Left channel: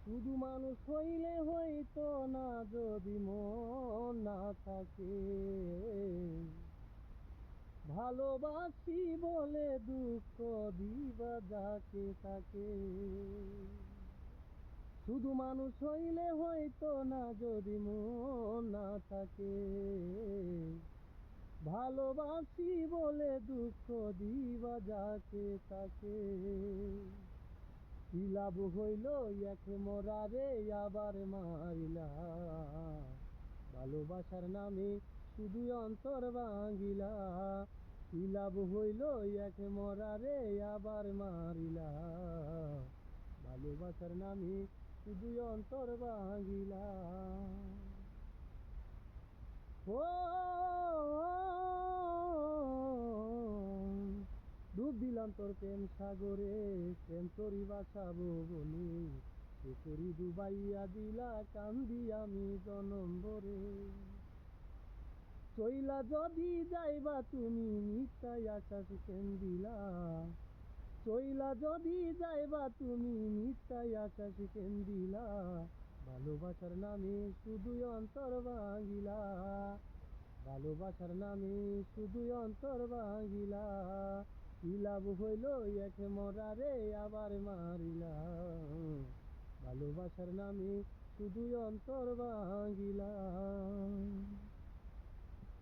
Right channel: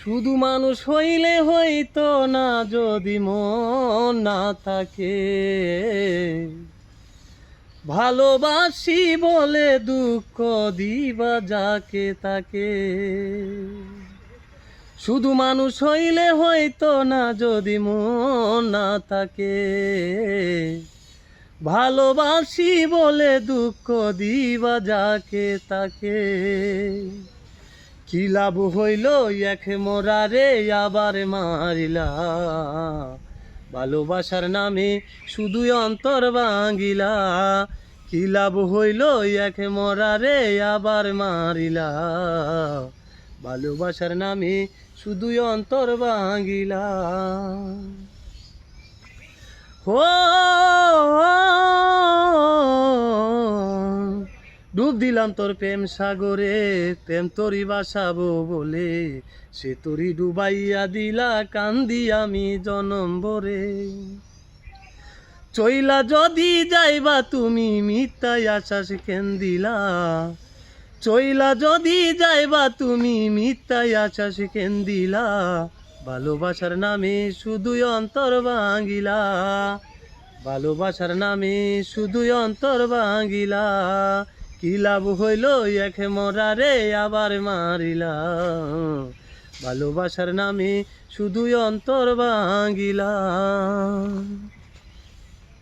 শুধু মানুষ হইলে হইতো না যদি মন না থাকে, ভালোবাসি বলে দুঃখ দিবা যাকে তাকে। শুধু মানুষ হইলে হইতো না যদি মন না থাকে, ভালোবাসি বলে দুঃখ দিবা যাকে তাকে। কি লাভ হইল এক মোরারে আবার মারিলা, ভালোবাসার নামে শুধু অন্তর ভাঙিলা। কি লাভ হইল এক মোরারে আবার মারিলা, ভালোবাসার নামে শুধু অন্তর ভাঙিলা। ও ডুব দিলাম তোর প্রেম সাগরে, প্রেম তোরি বাসাবো বলে, সে তোরি ডুবাইয়া দিলা কান্দি আমি জনম ভরে। চইলা যদি যাইবা তুমি মিথ্যায় আশ্বাস কেন দিলা, চইলা যদি যাইবা তুমি মিথ্যায় আশ্বাস কেন দিলা, ভালোবাসার নামে শুধুই অন্তর ভাঙিলা, ভালোবাসার নামে শুধুই অন্তর ভাঙিলা। কি লাভ হইল এক মরারে আবার মারিলা, ভালোবাসার নামে শুধুই অন্তর ভাঙিলা।